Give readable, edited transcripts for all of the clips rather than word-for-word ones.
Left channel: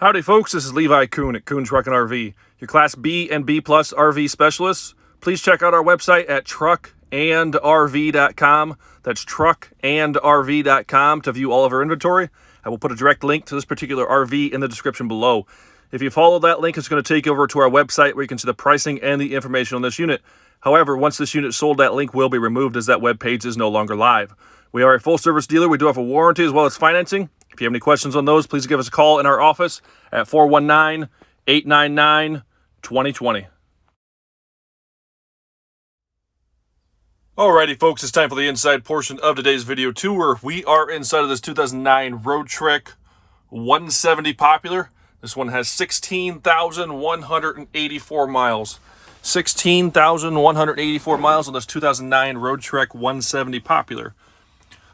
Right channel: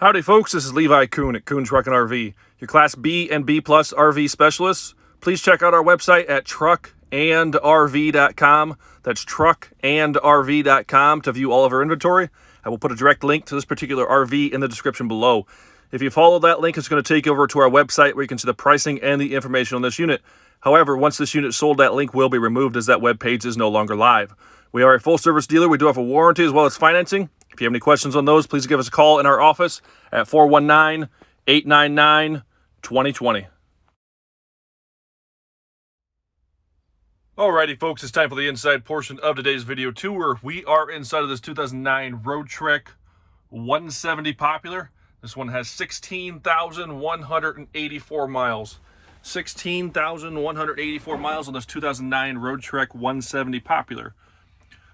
Howdy folks, this is Levi Kuhn at Kuhn Truck and RV, your Class B and B Plus RV specialists. Please check out our website at truckandrv.com. That's truckandrv.com to view all of our inventory. I will put a direct link to this particular RV in the description below. If you follow that link, it's going to take you over to our website where you can see the pricing and the information on this unit. However, once this unit is sold, that link will be removed as that web page is no longer live. We are a full-service dealer. We do have a warranty as well as financing. If you have any questions on those, please give us a call in our office at 419-899-2020. Alrighty, folks, it's time for the inside portion of today's video tour. We are inside of this 2009 Roadtrek 170 Popular. This one has 16,184 miles. 16,184 miles on this 2009 Roadtrek 170 Popular.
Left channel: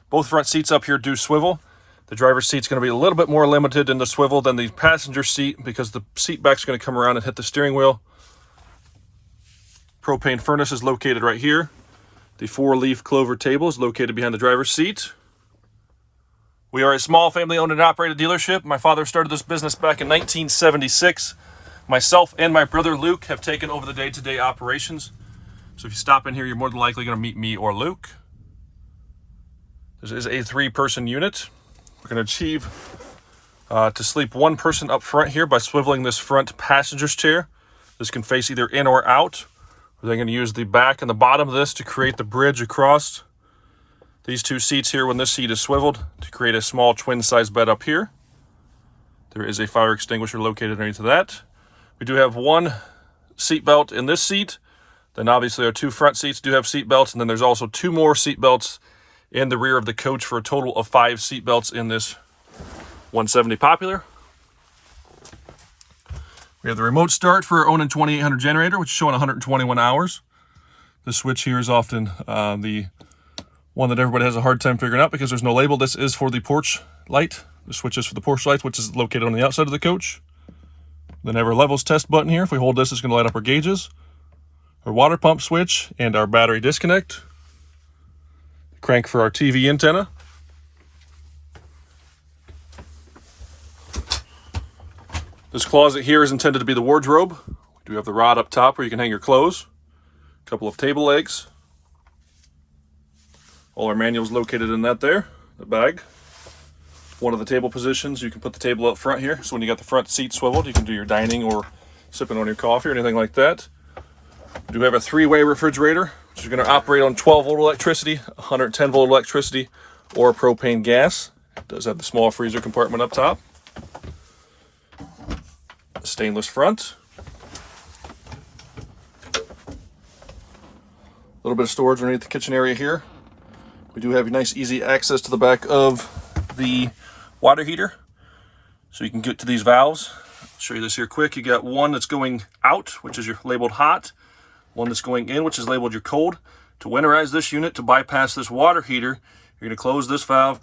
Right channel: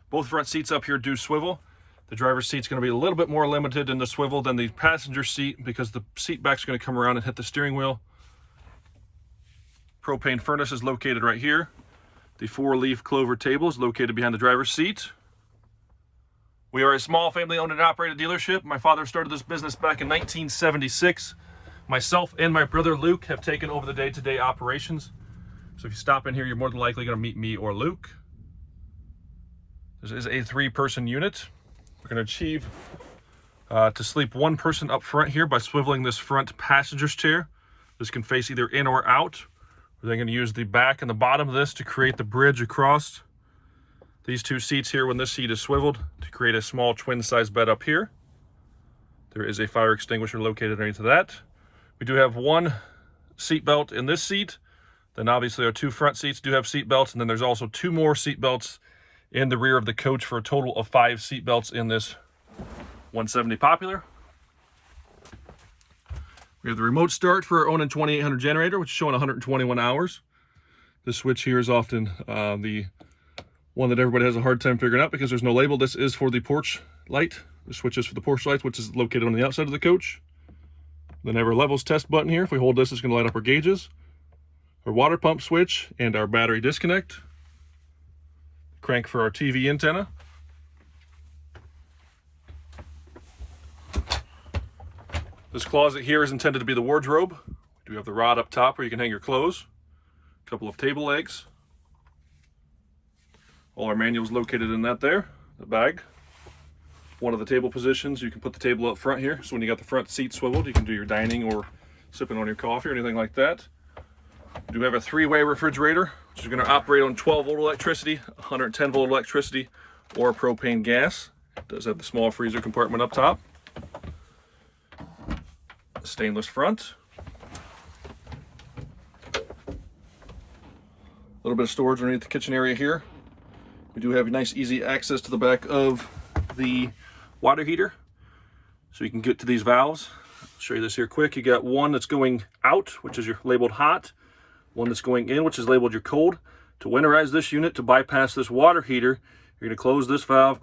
Both front seats up here do swivel. The driver's seat's going to be a little bit more limited in the swivel than the passenger seat because the seat back's going to come around and hit the steering wheel. Propane furnace is located right here. The 4-leaf clover table is located behind the driver's seat. We are a small family-owned and operated dealership. My father started this business back in 1976. Myself and my brother Luke have taken over the day-to-day operations. So if you stop in here, you're more than likely going to meet me or Luke. This is a 3-person unit. We're going to achieve to sleep 1 person up front here by swiveling this front passenger's chair. This can face either in or out. We're then going to use the back and the bottom of this to create the bridge across these 2 seats here when this seat is swiveled to create a small twin-size bed up here. There is a fire extinguisher located underneath of that. We do have 1 seat belt in this seat. Then obviously our 2 front seats do have seat belts, and then there's also 2 more seat belts in the rear of the coach for a total of 5 seat belts in this 170 Popular. We have the remote start for our Onan 2800 generator, which is showing 121 hours. This switch here is often the one that everybody has a hard time figuring out because there's no label. This is for the porch light. The switch is for the porch light, which is located on the outside of the coach. Then I have our levels test button here. If we hold this, it's going to light up our gauges. Our water pump switch and our battery disconnect. Crank for our TV antenna. This closet here is intended to be the wardrobe. We do have the rod up top where you can hang your clothes. A couple of table legs. All our manuals located in that there, the bag. One of the table positions, you can put the table up front here. So when you got the front seat swiveled, you can do your dining or sipping on your coffee or anything like that. We do have a 3-way refrigerator, which is going to operate on 12-volt electricity, 110-volt electricity, or propane gas. It does have the small freezer compartment up top. Stainless front. A little bit of storage underneath the kitchen area here. We do have a nice easy access to the back of the water heater, so you can get to these valves. I'll show you this here quick. You got one that's going out, which is your labeled hot, one that's going in, which is labeled your cold. To winterize this unit, to bypass this water heater, you're going to close this valve,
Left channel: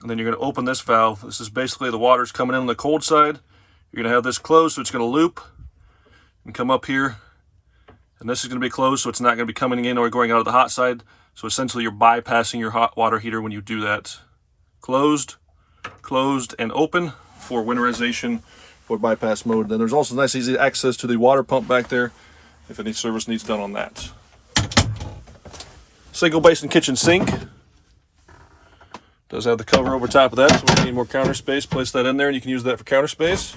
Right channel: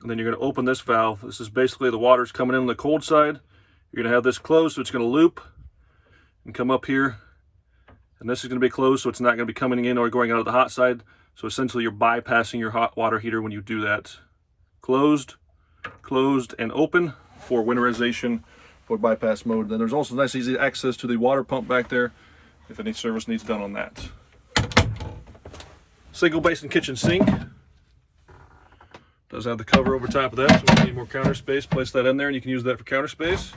and then you're going to open this valve. This is basically the water's coming in on the cold side. You're going to have this closed, so it's going to loop and come up here, and this is going to be closed, so it's not going to be coming in or going out of the hot side. So essentially you're bypassing your hot water heater when you do that. Closed, and open for winterization for bypass mode. Then there's also nice easy access to the water pump back there if any service needs done on that. Single basin kitchen sink. Does have the cover over top of that, so if you need more counter space, place that in there and you can use that for counter space.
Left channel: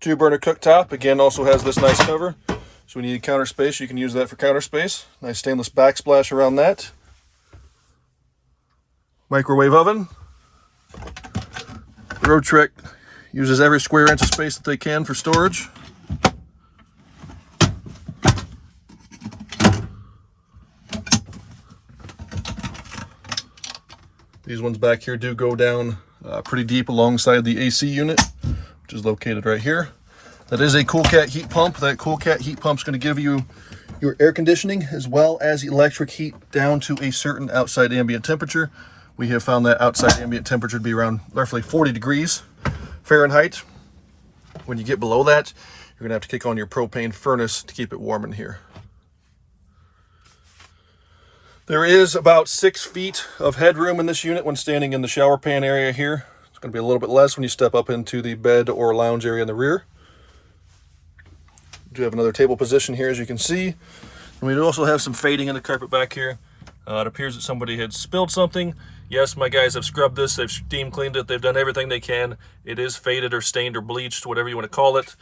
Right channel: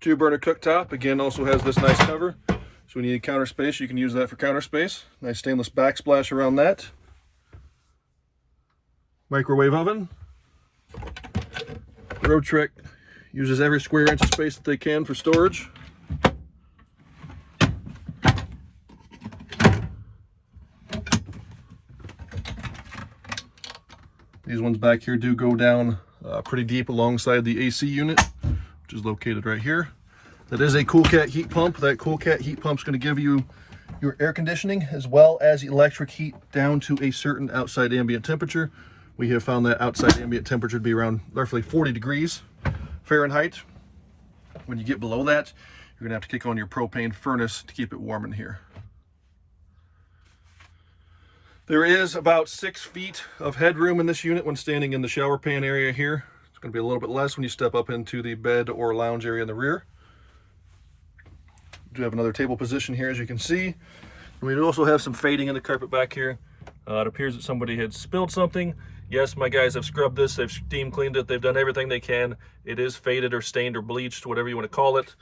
2-burner cooktop, again, also has this nice cover. So when you need counter space, you can use that for counter space. Nice stainless backsplash around that. Microwave oven. Roadtrek uses every square inch of space that they can for storage. These ones back here do go down pretty deep alongside the AC unit, which is located right here. That is a CoolCat heat pump. That CoolCat heat pump is going to give you your air conditioning as well as electric heat down to a certain outside ambient temperature. We have found that outside ambient temperature to be around roughly 40 degrees Fahrenheit. When you get below that, you're going to have to kick on your propane furnace to keep it warm in here. There is about 6 feet of headroom in this unit when standing in the shower pan area here. It's Going to be a little bit less when you step up into the bed or lounge area in the rear. We do have another table position here, as you can see. And we do also have some fading in the carpet back here. It appears that somebody had spilled something. Yes, my guys have scrubbed this, they've steam cleaned it, they've done everything they can. It is faded or stained or bleached, whatever you want to call it.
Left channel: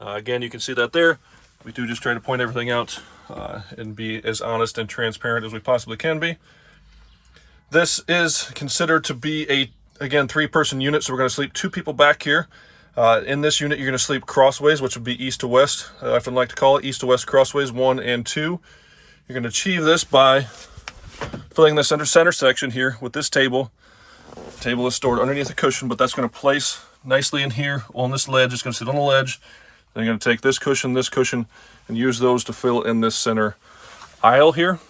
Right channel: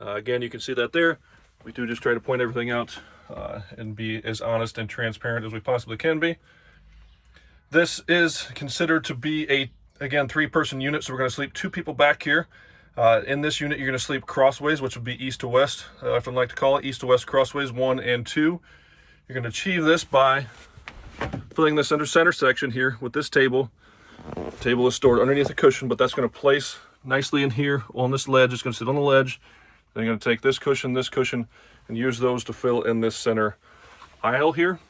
Again, you can see that there. We do just try to point everything out and be as honest and transparent as we possibly can be. This is considered to be again, 3-person unit, so we're going to sleep 2 people back here. In this unit, you're going to sleep crossways, which would be east to west. I often like to call it east to west crossways 1 and 2. You're going to achieve this by filling this center section here with this table. The table is stored underneath the cushion, but that's going to place nicely in here on this ledge. It's going to sit on the ledge. Then you're going to take this cushion, and use those to fill in this center aisle here.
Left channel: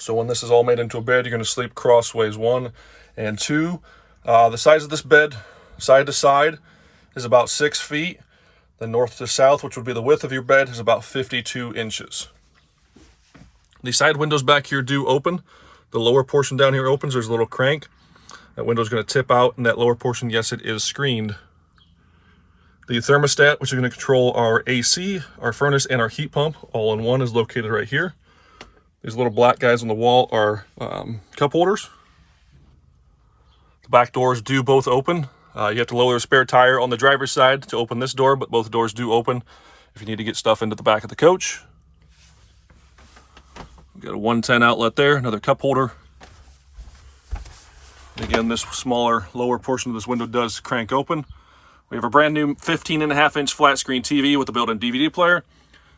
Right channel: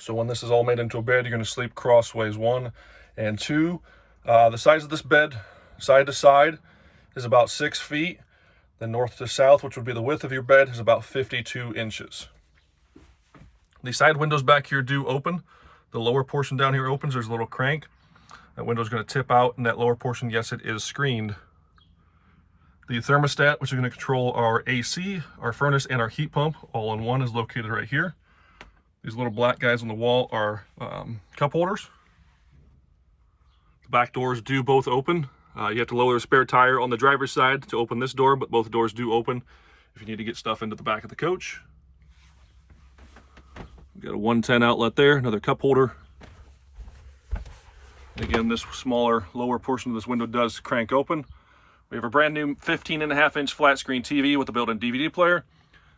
So when this is all made into a bed, you're going to sleep crossways 1 and 2. The size of this bed, side to side, is about 6 feet. The north to south, which would be the width of your bed, is about 52 inches. The side windows back here do open. The lower portion down here opens. There's a little crank. That window is going to tip out, and that lower portion, yes, it is screened. The thermostat, which is going to control our AC, our furnace, and our heat pump, all in one, is located right here. These little black guys on the wall are cup holders. The back doors do both open. You have to lower a spare tire on the driver's side to open this door, but both doors do open if you need to get stuff into the back of the coach. We've got a 110 outlet there, another cup holder. And again, this smaller lower portion of this window does crank open. We have a brand new 15.5-inch flat screen TV with a built-in DVD player.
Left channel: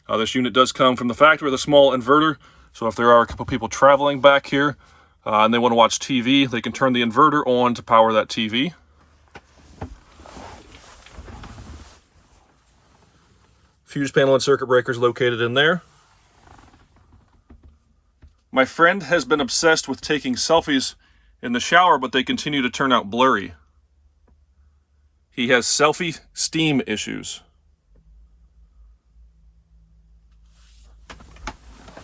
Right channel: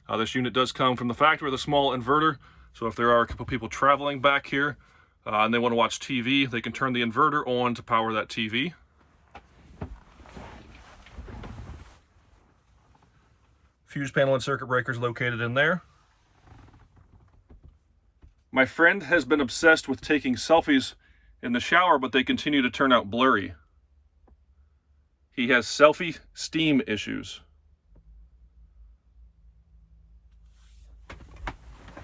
This unit does come from the factory with a small inverter. So if there are a couple people traveling back here and they want to watch TV, they can turn the inverter on to power that TV. Fuse panel and circuit breakers located in there. My friend has been obsessed with taking selfies in the shower, but they continue to turn out blurry. He has selfie steam issues.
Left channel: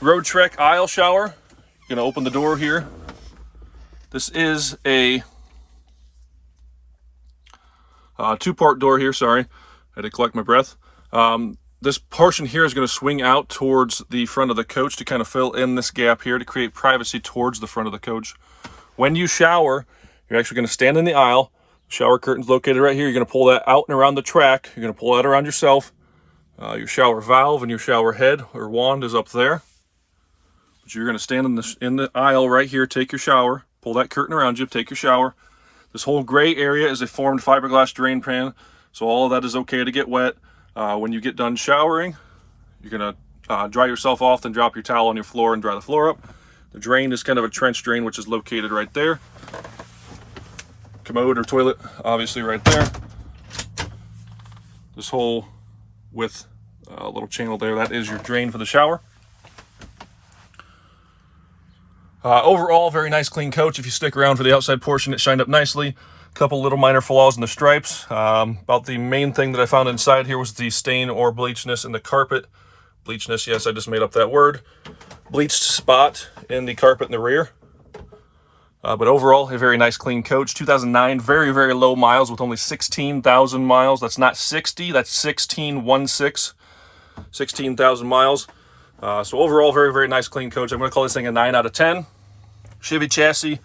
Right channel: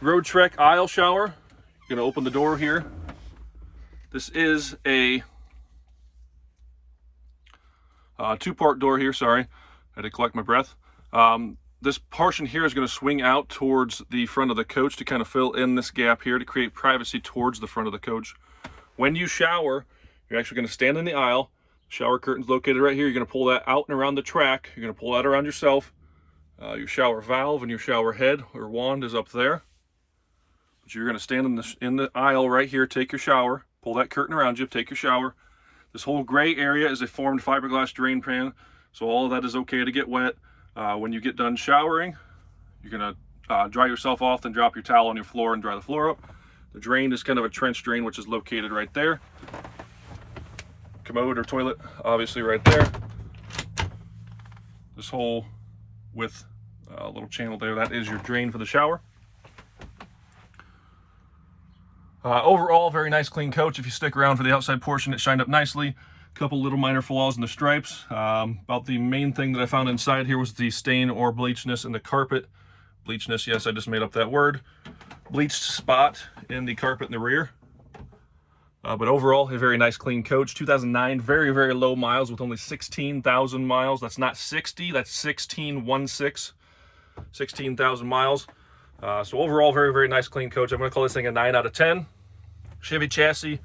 Roadtrek aisle shower. You're gonna open the door here. This is a 2-part door here, sorry. I had to collect my breath. This portion here is going to swing out towards the front of the coach to kind of fill in this gap here to create privacy towards the front of the coach. When you shower, you're actually going to stand in the aisle. Shower curtain's located right here. You're going to pull that out and around the track. You're going to pull that around yourself. Your shower valve and your shower head or wand is up there. But you're going to stand in the aisle right here, take your shower, pull that curtain around you, take your shower. This whole gray area is a formed fiberglass drain pan, so all of that is okay to get wet. When you get done showering, you're going to dry yourself off, then drop your towel on your floor and dry the floor up. The drain is kind of a trench drain, which is located right there. Commode or toilet, obviously right there. This hole with a little channel there, that is your drain for the shower. Overall, very nice clean coach. If you stick around for the outside portion, it shined up nicely. Couple little minor flaws in the stripes. About the main thing that I found inside here was the stain or bleachness in the carpet. Bleachness, yes, I just made up that word. Bleached spot in the carpet in the rear. But overall, a very nice clean coach. 2009, very, very low miles with only 16,000 miles. That's not 60, that's 16,000 miles. So overall, very, very nice clean coach. I'm going to call this thing a 9 out of 10. Chevy chassis.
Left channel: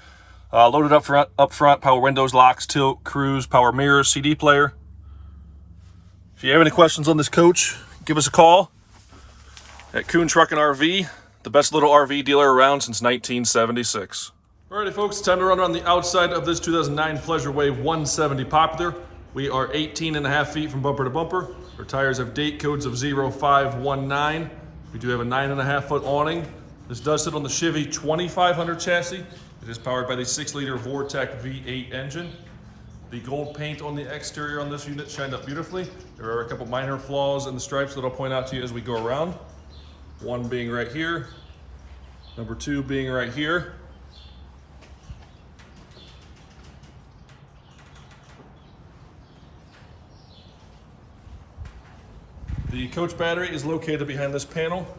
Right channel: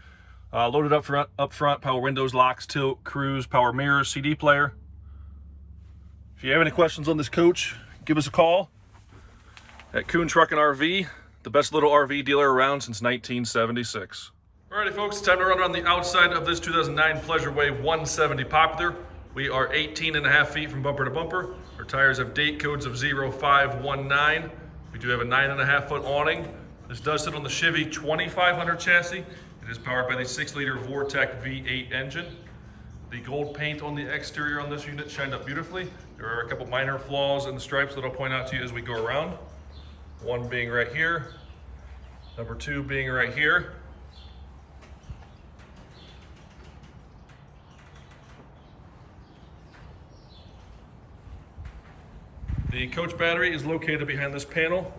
Loaded up front, power windows, locks, tilt, cruise, power mirrors, CD player. If you have any questions on this coach, give us a call at Kuhn Truck and RV, the best little RV dealer around since 1976. Alrighty folks, time to run around the outside of this 2009 Pleasure Wave 170 Popular. We are 18.5 feet from bumper to bumper. Our tires have date codes of 0519. We do have a 9.5-foot awning. This does sit on the Chevy 2500 chassis. It is powered by the 6-liter Roadtrek V8 engine. The gold paint on the exterior on this unit shined up beautifully. There are a couple minor flaws in the stripes that I'll point out to you as we go around. One being right here, number 2 being right here. The coach battery is located behind this panel.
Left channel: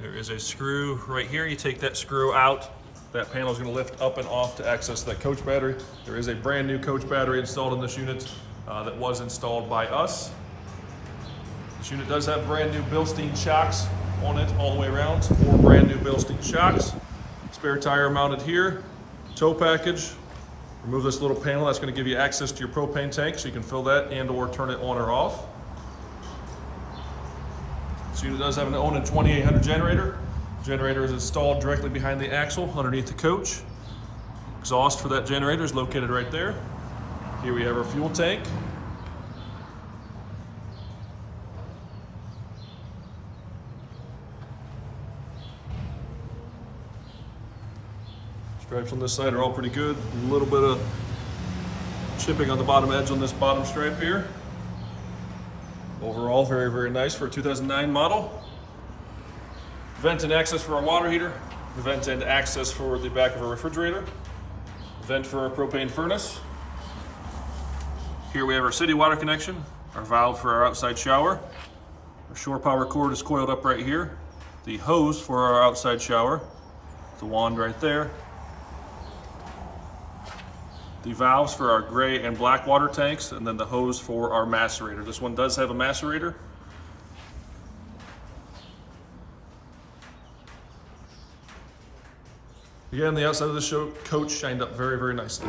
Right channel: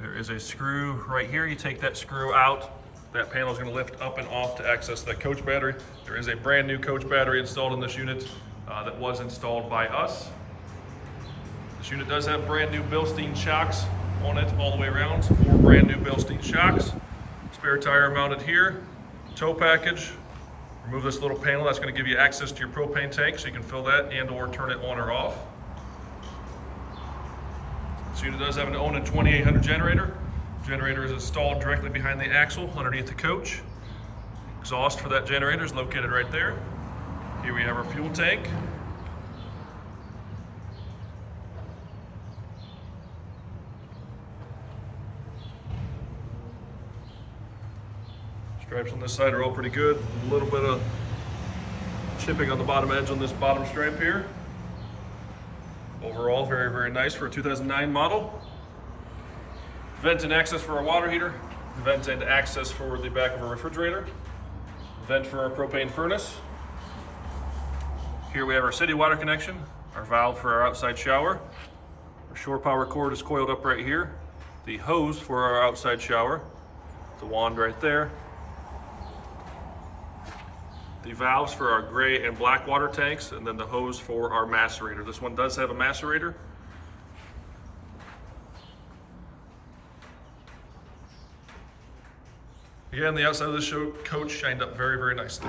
There is a screw right here. You take that screw out, That panel is going to lift up and off to access that coach battery. There is a brand new coach battery installed in this unit that was installed by us. This unit does have brand new Bilstein shocks on it all the way around. 4 brand new Bilstein shocks. Spare tire mounted here. Tow package. Remove this little panel. That's going to give you access to your propane tank so you can fill that and or turn it on or off. This unit does have an Onan 2800 generator. The generator is installed directly behind the axle underneath the coach. Exhaust for that generator is located right there. Here we have our fuel tank. Stripes on this side are all pretty good. A little bit of chipping on the bottom edge on this bottom stripe here. Overall, very, very nice for a 2009 model. Vent and access for our water heater. Vent and access for the back of our refrigerator. Vent for our propane furnace. Here we have our city water connection, our valve for our outside shower. Our shore power cord is coiled up right here. The hose for our outside shower. The wand right there. The valves for our gray and black water tanks, and then the hose for our macerator. This one does have a macerator. Again, the outside of the coach shined up very, very nicely.